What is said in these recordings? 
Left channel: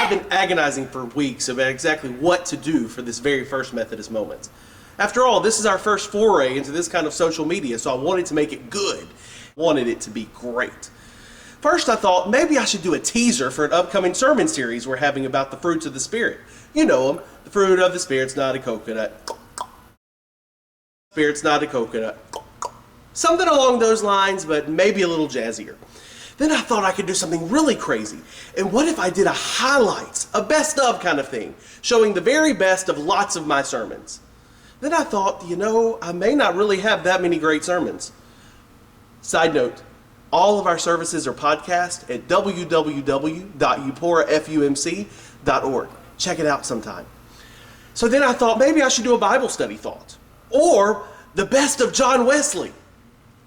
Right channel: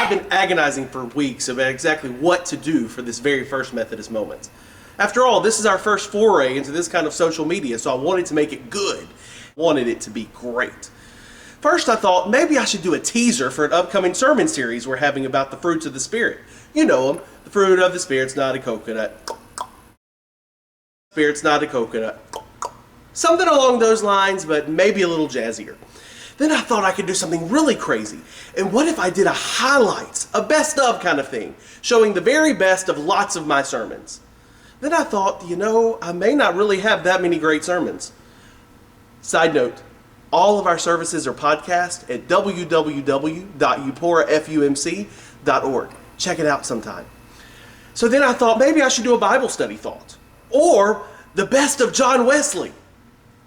I've been agonizing for weeks about exactly what to do for this very first Methodist Moment. After all, this is our first foray into this kind of social media, so I wanted to make it good. Wanted it to be great. First, I thought maybe I should do a teaser for an upcoming sermon series we're having about the fruits of the Spirit. You know them. The fruit of the Spirit's not a coconut. Spirit's not a coconut. Something along those lines, but maybe a little jazzier. Then I thought I could do something really crazy. And what if I did a highlights, a best of kind of thing, showing the very best of lots of my sermons? Then I thought, I may not really have that many great sermons. Side note, all of our services are podcast at www.euporafumc.org. Check it out sometime. So then I thought maybe I should do a Bible study thought. Or the best of John Wesley.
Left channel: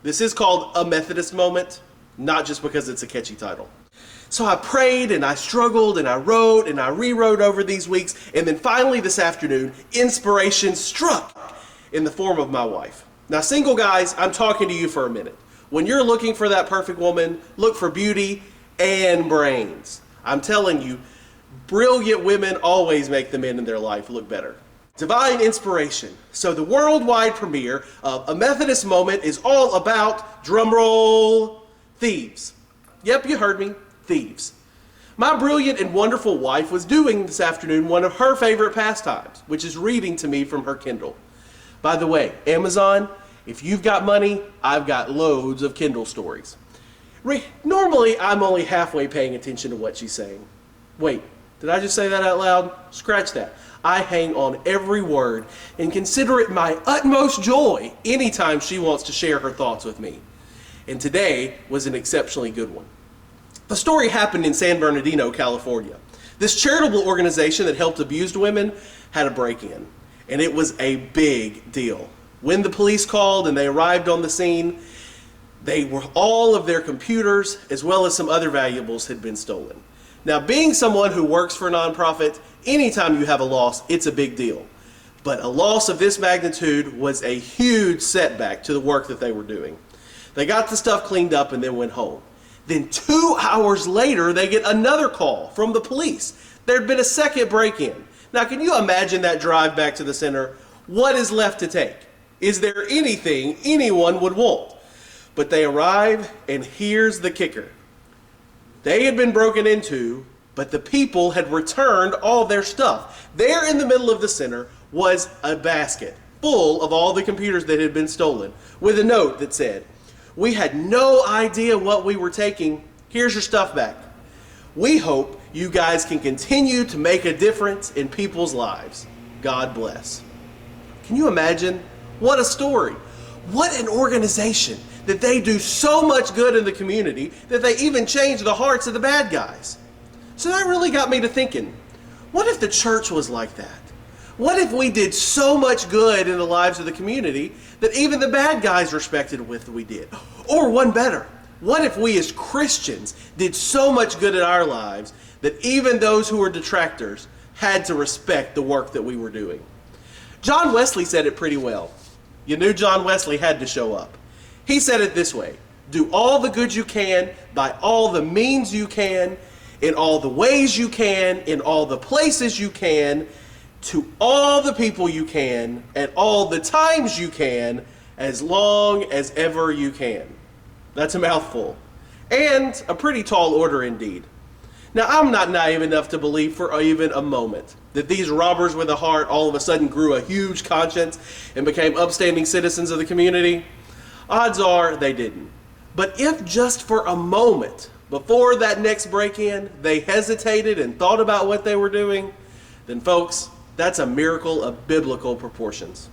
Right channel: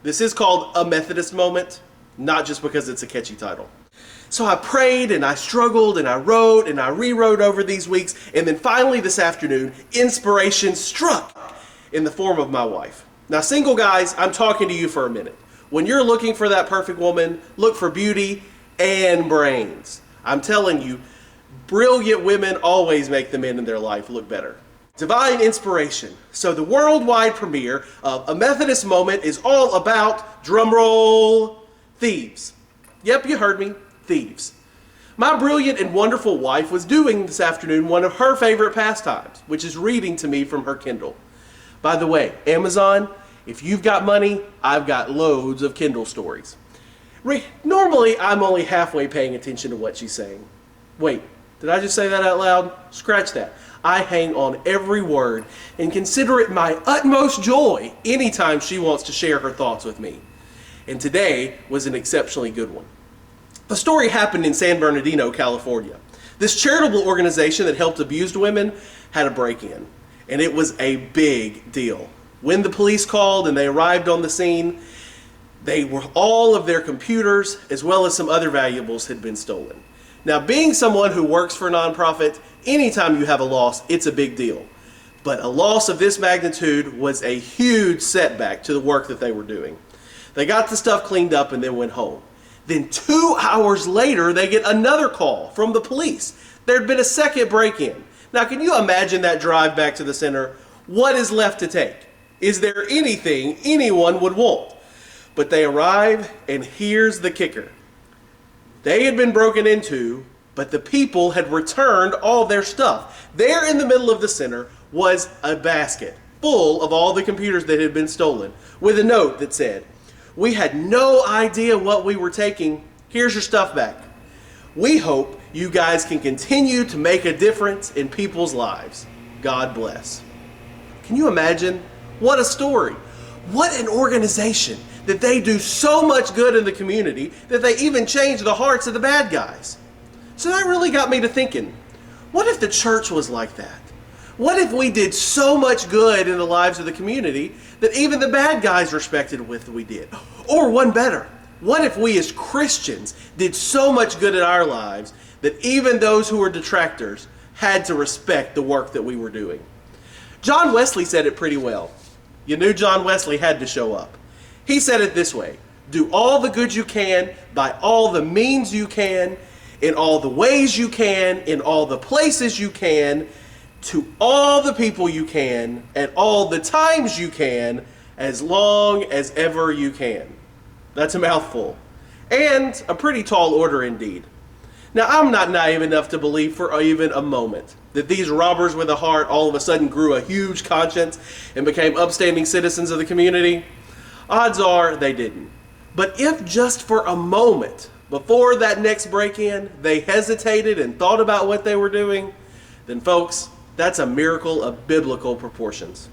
This is called A Methodist Moment, not just because it's a catchy title. So I prayed and I struggled and I wrote and I rewrote over these weeks, and then finally this afternoon, inspiration struck in the form of my wife. Now, single guys, I'm talking to you for a minute. When you're looking for that perfect woman, look for beauty and brains. I'm telling you, brilliant women always make the men in their life look better. Divine inspiration. So the worldwide premiere of A Methodist Moment is all about, drumroll, thieves. Yep, you heard me, thieves. My brilliant and wonderful wife was doing this afternoon one of her favorite pastimes, which is reading to me from her Kindle. By the way, Amazon, if you've got money, I've got loads of Kindle stories. Normally, I'm only halfway paying attention to what she's saying. Wait, did I just say that out loud? Scratch that. I hang on every word and consider it my utmost joy anytime she wants to share her thoughts with me. And today was an exceptionally good one. The story happened in San Bernardino, California. This charitable organization that helped abused women had a break-in, and it was a big deal. When the police called and they arrived on the scene, all of their computers as well as some other valuables had been stolen. Now, being someone who works for a nonprofit, anytime you have a loss, it's a big deal. But a loss of this magnitude was a huge setback to the work that they were doing. They got the stuff cleaned up and then went home. Then 2 hours later, they get another call from the police. There'd been a second break-in. Now, can you imagine that drive back to the center? What is left to take? Is there anything anyone would want? But they arrive, and here's the kicker. They had been broken into, but the people had returned all their stuff. There in the middle of the center was a basket full of all the computers that had been stolen, with a note that said, "We had no idea what we were taking. Here's your stuff back. We hope you guys can continue to make a difference in people's lives. God bless." Can you imagine? What a story. What an organization that they do so much good in the community that they even change the hearts of the bad guys. So that really got me to thinking, what if the church was like that? What if we did so much good in the lives of the community that even the bad guys respected what we did? Or one better, what if we as Christians did so much good in our lives that even those who were detractors had to respect the work that we were doing? John Wesley said it pretty well. You knew John Wesley had to show up. He said it this way: do all the good you can, by all the means you can, in all the ways you can, in all the places you can, to all the people you can, at all the times you can, as long as ever you can. That's a mouthful. And a pretty tall order indeed. Now, I'm not naive enough to believe for even a moment that these robbers with a heart all of a sudden grew a huge conscience and became upstanding citizens of the community. Odds are they didn't. But if just for a moment before that next break-in they hesitated and thought about what they were doing, then folks, that's a miracle of biblical proportions.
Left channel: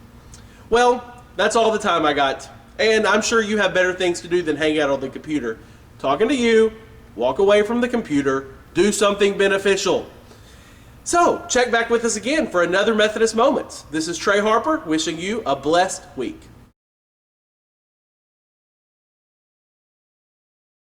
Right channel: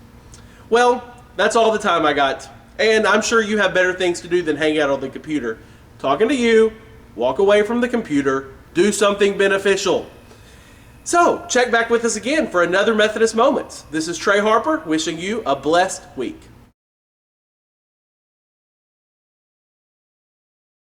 Well, that's all the time I got. And I'm sure you have better things to do than hang out on the computer. Talking to you, walk away from the computer, do something beneficial. So, check back with us again for another Methodist Moment. This is Trey Harper wishing you a blessed week.